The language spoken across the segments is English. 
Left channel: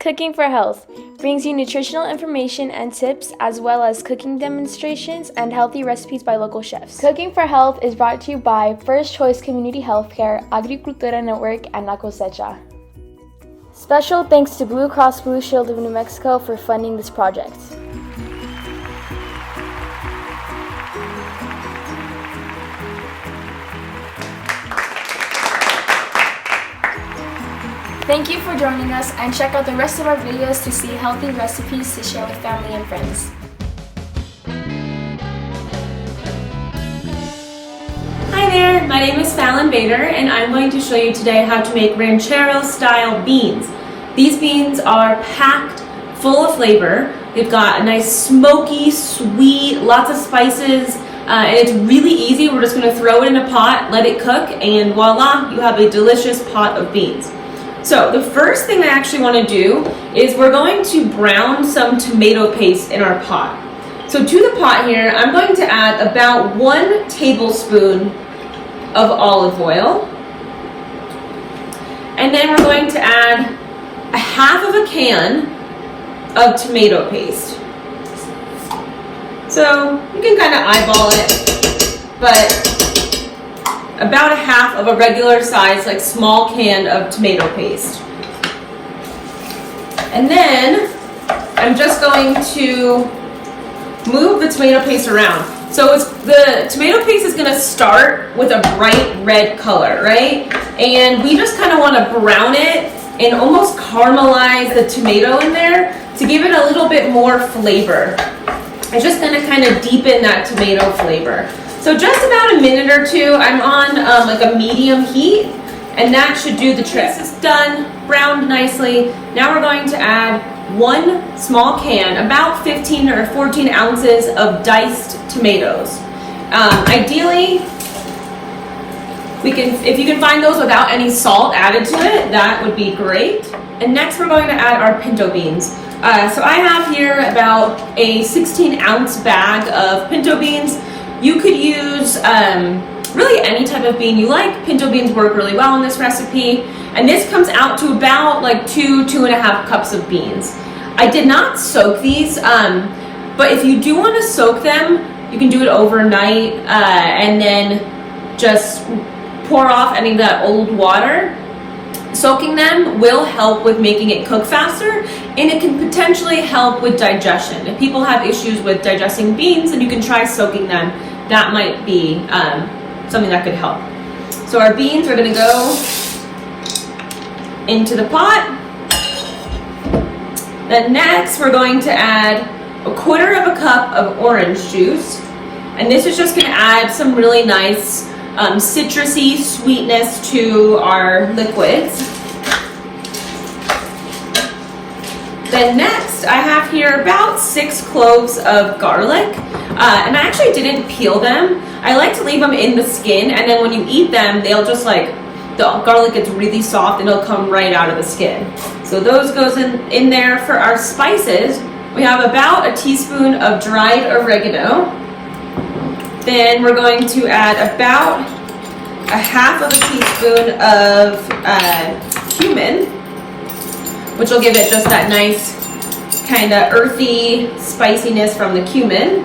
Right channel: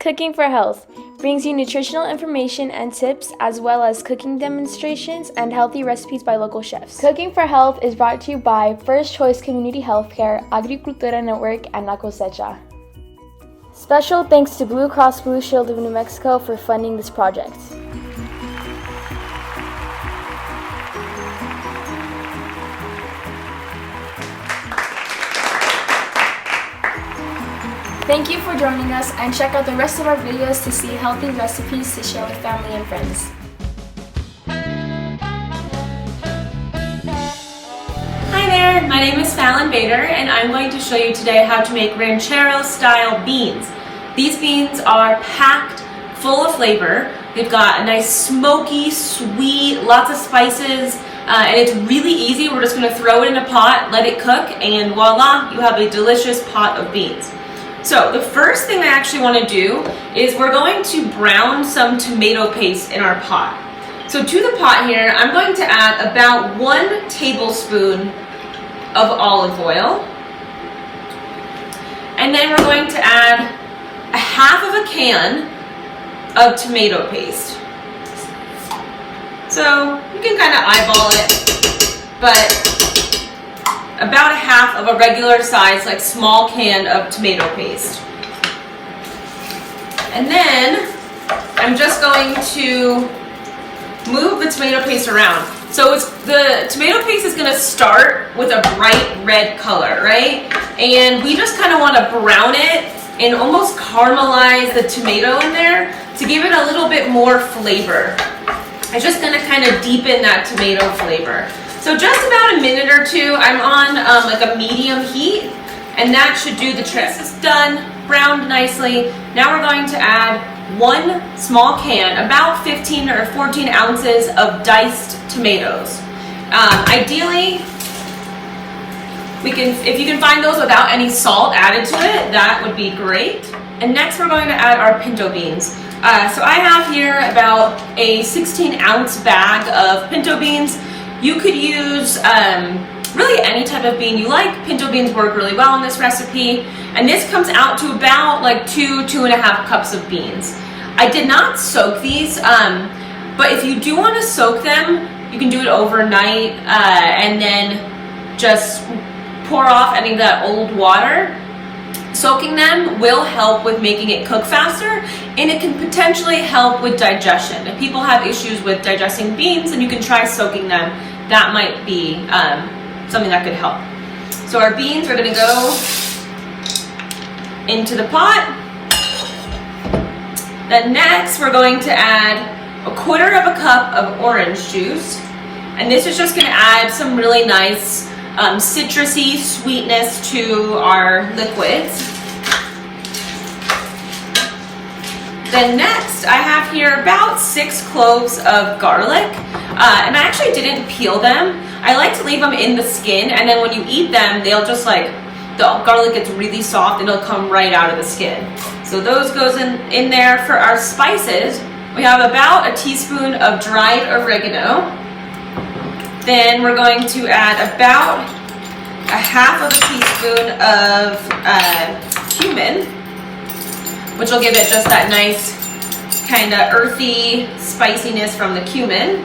Cooking for Health brings you nutritional information and tips, as well as cooking demonstrations and healthy recipes by local chefs. Cooking for Health is brought to you by First Choice Community Healthcare, Agricultura Network, and La Cosecha. Special thanks to Blue Cross Blue Shield of New Mexico for funding this project. Thank you for joining us, and check out the rest of our videos to see healthy recipes to share with family and friends. Hi there, my name is Fallon Bader, and I'm going to show you today how to make ranchero style beans. These beans are packed full of flavor. They've got a nice smoky, sweet, lots of spices, and it's really easy. We're just going to throw it in a pot, let it cook, and voila, you have a delicious pot of beans. So the first thing I actually want to do is we're going to brown some tomato paste in our pot. So to the pot here, I'm going to add about 1 tablespoon of olive oil. And then we're going to add a half of a can of tomato paste. So you can kind of eyeball it, but about a half of a regular size, like small can of tomato paste. And then I'm just going to move the tomato paste around. So the tomato paste is going to start with a bright red color, right? And we just kind of want to brown it and almost caramelize the tomato in there to give it a little bit more flavor. It's just going to kind of deepen that tomato flavor. So just about a minute or two, I'm on like a medium heat, and that should do the trick. This is done, browned nicely. Now we're going to add 1 small can, about 15 or 14 ounces of diced tomatoes. Ideally, if you can find those without any salt added to it, that would be great. And next we're going to add our pinto beans. So I have here about a 16-ounce bag of pinto beans. You could use really any type of bean you like. Pinto beans work really well in this recipe. And this comes out to about like 2.5 cups of beans. I did not soak these, but if you do want to soak them, you can do it overnight and then just pour off any of that old water. Soaking them will help with making it cook faster, and it can potentially help with digestion. If people have issues with digesting beans, then you can try soaking them. That might be something that could help. So our beans are going to go into the pot. Then next we're going to add 1/4 cup of orange juice, and this is just going to add some really nice citrusy sweetness to our liquids. Then next I have here about 6 cloves of garlic, and I actually didn't peel them. I like to leave them in the skin, and then when you eat them, they'll just the garlic gets really soft and it'll come right out of the skin. So those goes in there. For our spices, we have about a teaspoon of dried oregano. Then we're going to add about a half of a teaspoon of cumin, which will give it just that nice kind of earthy spiciness from the cumin.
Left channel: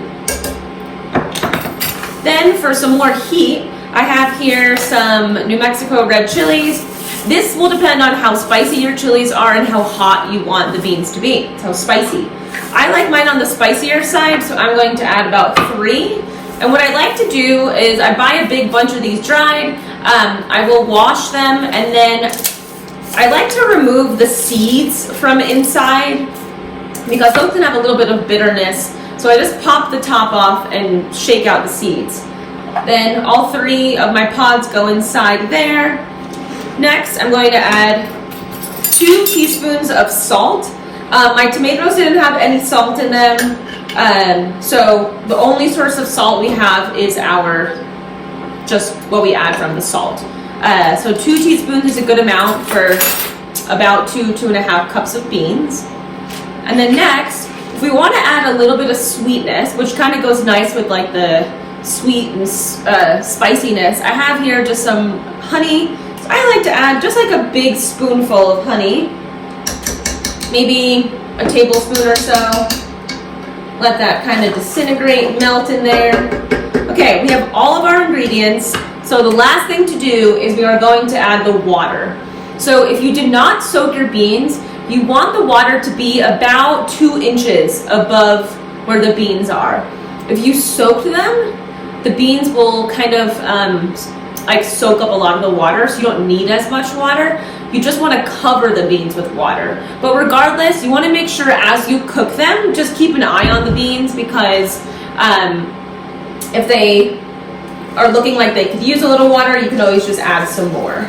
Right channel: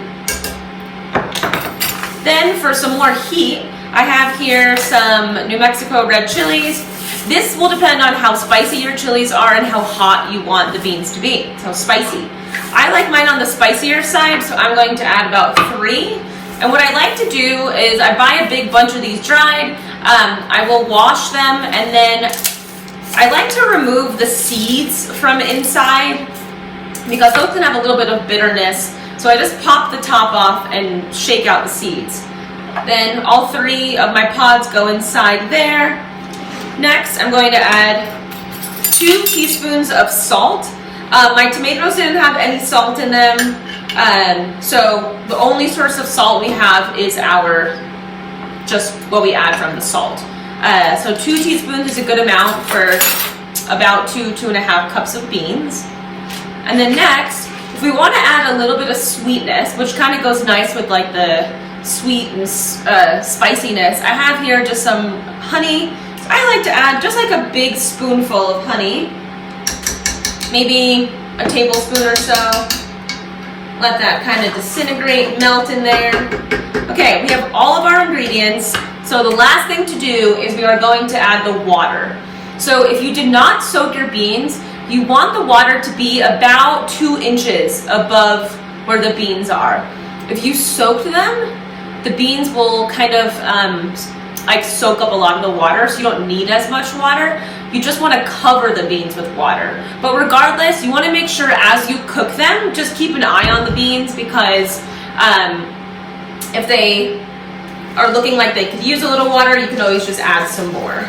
Then for some more heat, I have here some New Mexico red chilies. This will depend on how spicy your chilies are and how hot you want the beans to be, so spicy. I like mine on the spicier side, so I'm going to add about 3. And what I like to do is I buy a big bunch of these dried. I will wash them, and then I like to remove the seeds from inside because those can have a little bit of bitterness. So I just pop the top off and shake out the seeds. Then all 3 of my pods go inside there. Next, I'm going to add 2 teaspoons of salt. My tomatoes didn't have any salt in them. So the only source of salt we have is just what we add from the salt. So 2 teaspoons is a good amount for about 2.5 cups of beans. And then next, if we want to add a little bit of sweetness, which kind of goes nice with like the sweet and spiciness, I have here just some honey. So I like to add just like a big spoonful of honey. maybe a tablespoon or so. Let that kind of disintegrate, melt in there. Okay, we have all of our ingredients. So the last thing to do is we are going to add the water. So if you did not soak your beans, you want the water to be about 2 inches above where the beans are. If you soaked them, the beans will kind of like soak up a lot of the water, so you don't need as much water. You just want to cover the beans with water. But regardless, you want to make sure as you cook them, just keep an eye on the beans, because if they are looking like they could use a little water, you can always just add some more.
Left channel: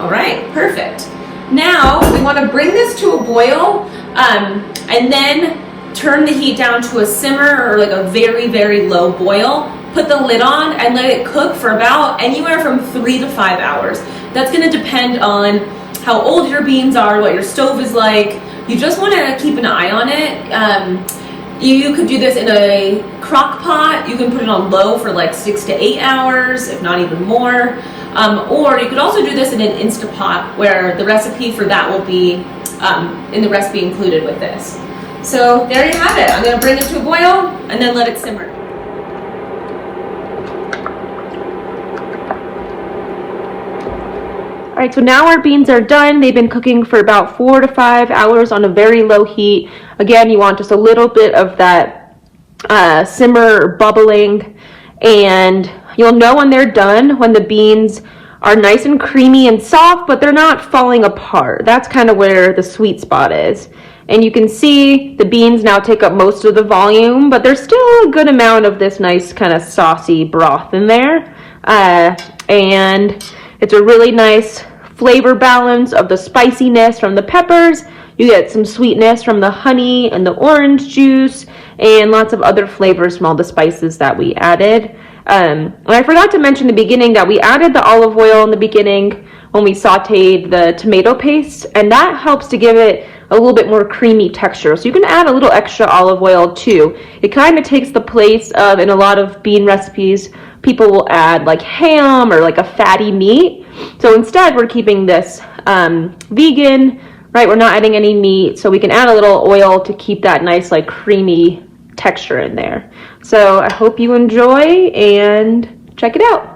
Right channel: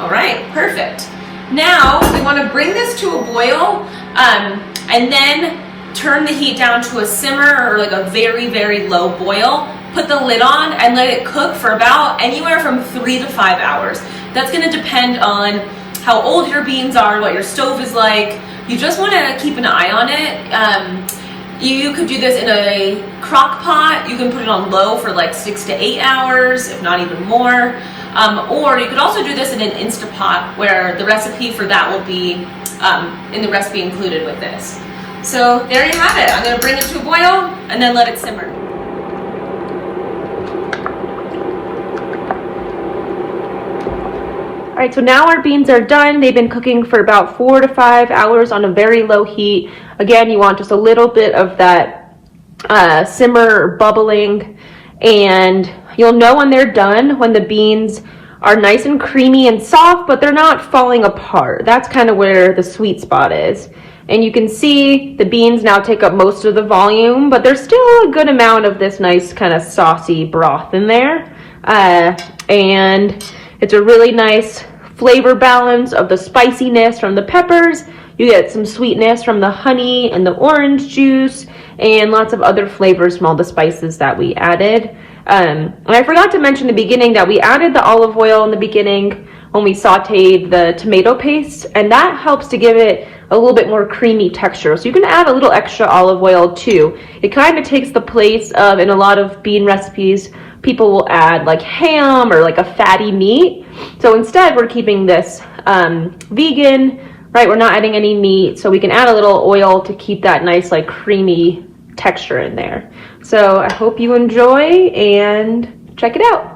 All right, perfect. Now we want to bring this to a boil and then turn the heat down to a simmer or like a very, very low boil. Put the lid on and let it cook for about anywhere from 3 to 5 hours. That's going to depend on how old your beans are, what your stove is like. You just want to keep an eye on it. You could do this in a crock pot. You can put it on low for like 6 to 8 hours, if not even more. Or you could also do this in an Instapot, where the recipe for that will be in the recipe included with this. So there you have it. I'm going to bring it to a boil and then let it simmer. All right, so now our beans are done. They've been cooking for about 4 to 5 hours on a very low heat. Again, you want just a little bit of that simmer or bubbling, and you'll know when they're done when the beans are nice and creamy and soft, but they're not falling apart. That's kind of where the sweet spot is. And you can see the beans now take up most of the volume, but there's still a good amount of this nice kind of saucy broth in there. And it's a really nice flavor balance of the spiciness from the peppers. You get some sweetness from the honey and the orange juice, and lots of other flavors from all the spices that we added. And I forgot to mention in the beginning that we added the olive oil in the beginning when we sauteed the tomato paste, and that helps to give it a little bit more creamy texture. So you can add a little extra olive oil too. It kind of takes the place of, in a lot of bean recipes, people will add like ham or like a fatty meat. So instead we're keeping this vegan, right? We're not adding any meat, so we can add a little oil to keep that nice like creamy texture in there. So I hope you enjoy and check it out.